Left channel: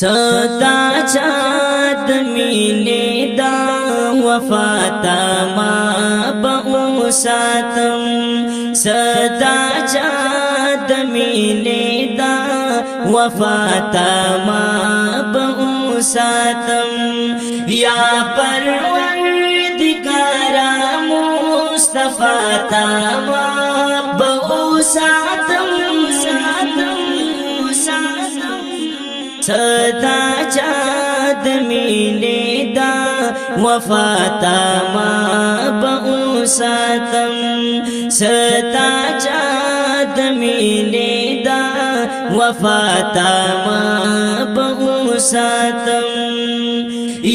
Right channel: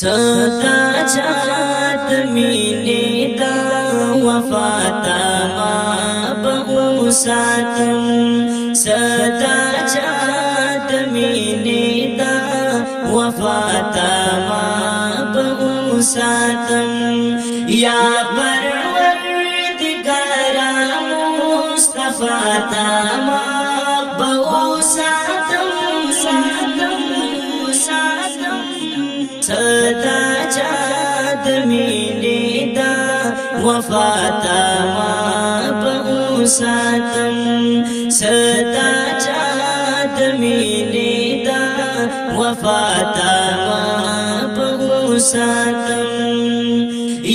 صدا چاد مینے دا وفاتا ما بؤساتم صدا چاد مینے دا وفاتا ما بؤساتم یا پروردگارا مصطفی تا ما بؤساتم صدا چاد مینے دا وفاتا ما بؤساتم صدا چاد مینے دا وفاتا ما بؤساتم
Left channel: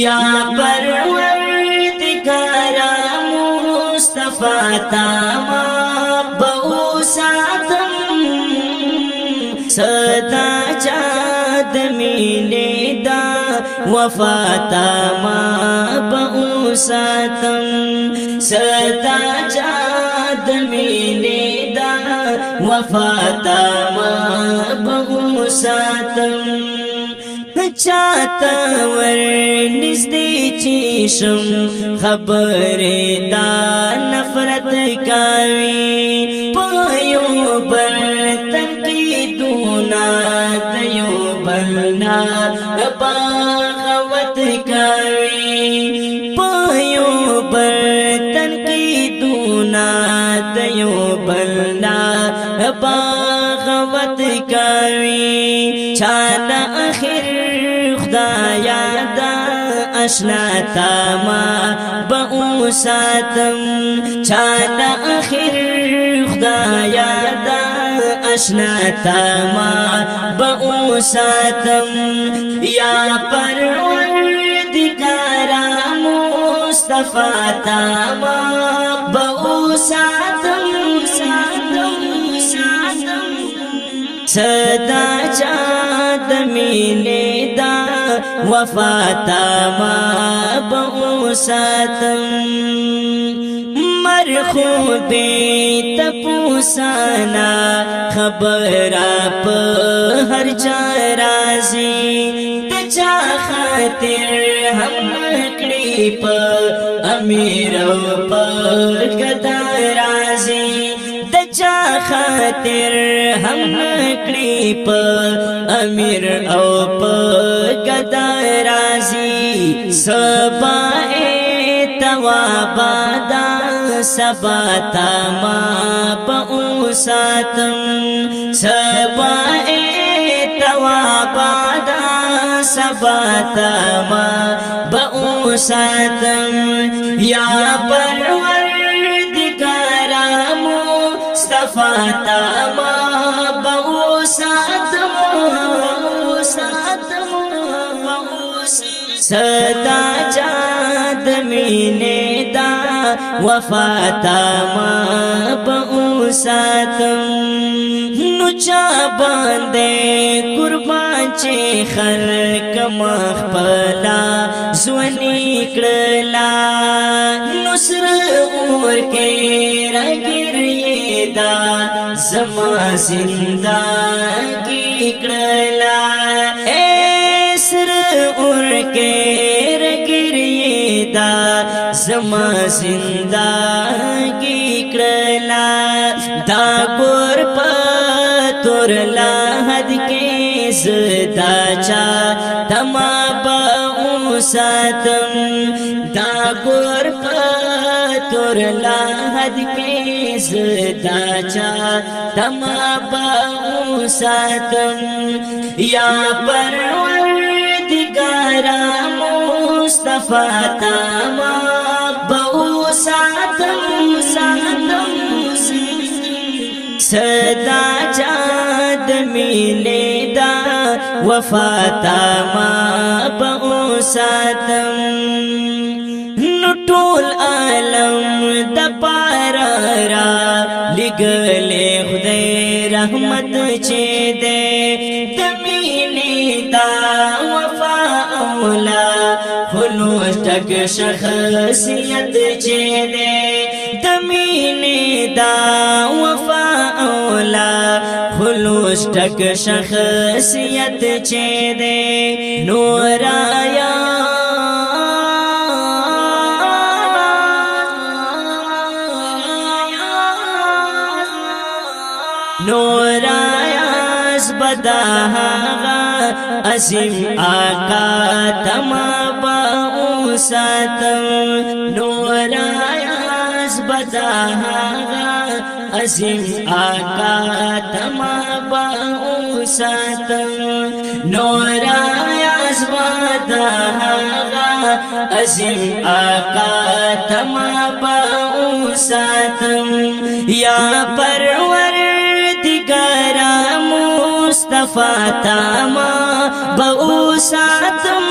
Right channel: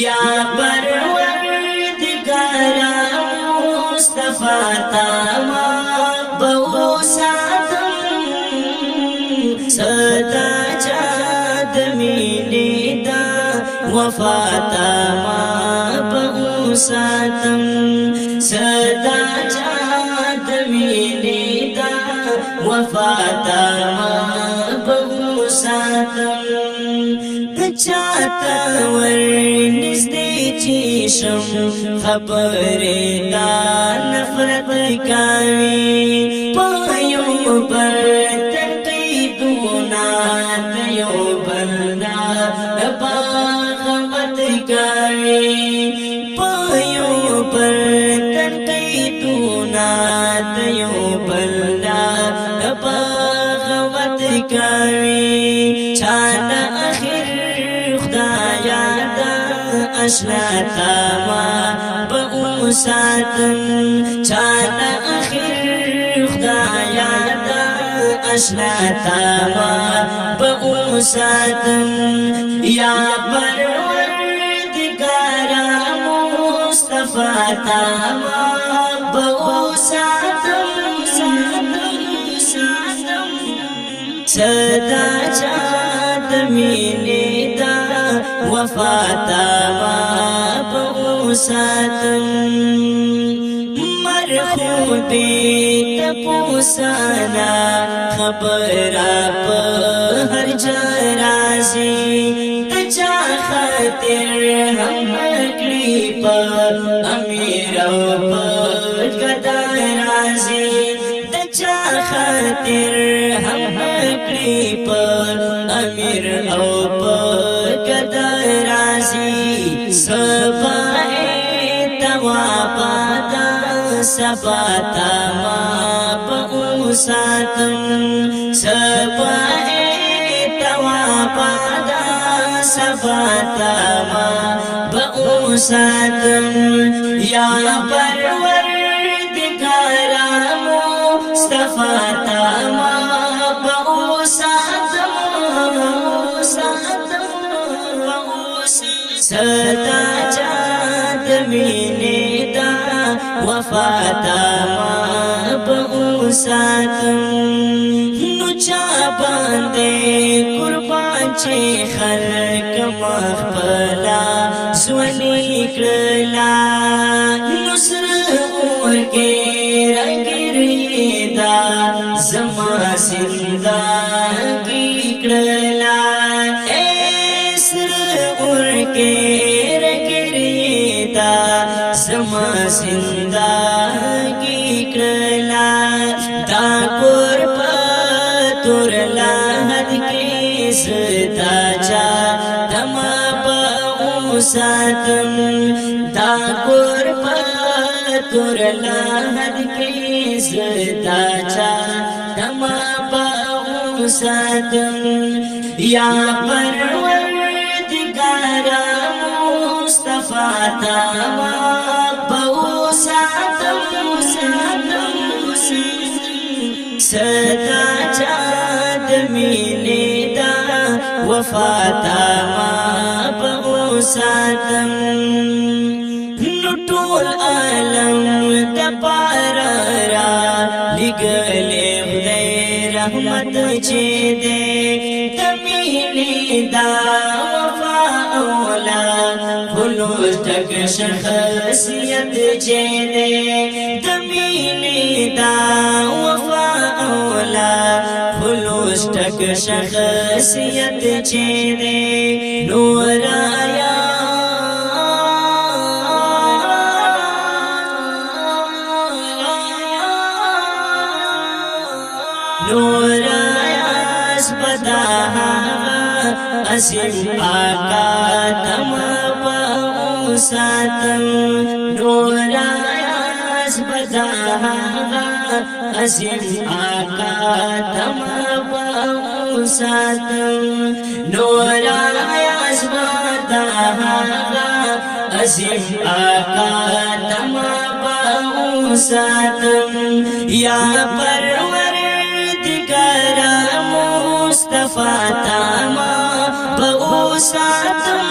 یا پروردگارا مصطفی تا ما بؤساتم صدا چاد مینے دا وفاتا ما بؤساتم صدا چاد مینے دا وفاتا ما بؤساتم چاہتا ورنزدی چیشم خبر دا نفرت کاوی پایو بر تنقیدونا دیو بلنا باغوت کاوی پایو بر تنقیدونا دیو بلنا باغوت کاوی چانا آخر خدایا دا اشنا تاما بؤساتم چانا آخر خدایا دا اشنا تاما بؤساتم یا پروردگارا مصطفی تاما بؤساتم صدا چاد مینے دا وفاتا ما بؤساتم مرخود تپوسانا خبرا پا ہر چا رازی تچا خاطر ہم اکڑی پا امیر و پا گدا رازی تچا خاطر ہم اکڑی پا امیر او پا گدا رازی سبائے توابادا سباتا ما بؤساتم سبائے توابادا سباتا ما بؤساتم یا پروردگارا مصطفی تا ما بؤساتم صدا چاد مینے دا وفاتا ما بؤساتم نچا باندے قربان چے خلق مخبلا زونی کرلا نصر اور کے رنگر یہ دا زما زندگی کرلا سر اور کے رگریے دا زما زندگی کرلا دا قربا تور لاحد کے زدا چا دما بؤساتم دا قربا تور لاحد کے زدا چا دما بؤساتم یا پروردگارا مصطفی تاما بؤساتم صدا چاد مینے دا وفاتا ما بؤساتم نطول عالم دا پارا را لگلے خدای رحمت چے دے تمینے دا وفا اولا خلوص تک شخصیت چے دے تمینے دا وفا اولا خلوص چوستک شخصیت چه دے نور آیا نور آیاز بداها عظیم آقا تما باو ساتم نور آیاز بداها عظیم آقا تما باو ساتم نور آیاز بداها عظیم آقا تما باو ساتم یا مصطفى تاما بوساتم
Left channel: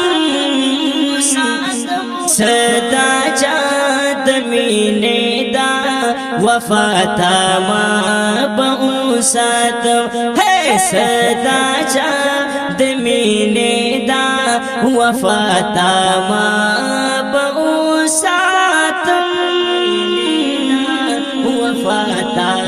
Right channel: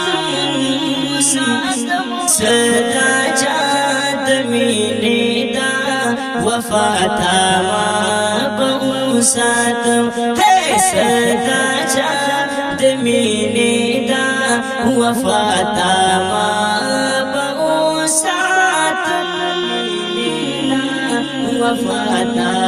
صدا چاد مینه دا وفا تاما بوساتم ہے صدا چاد مینه دا وفا تاما بوساتم وفا تاما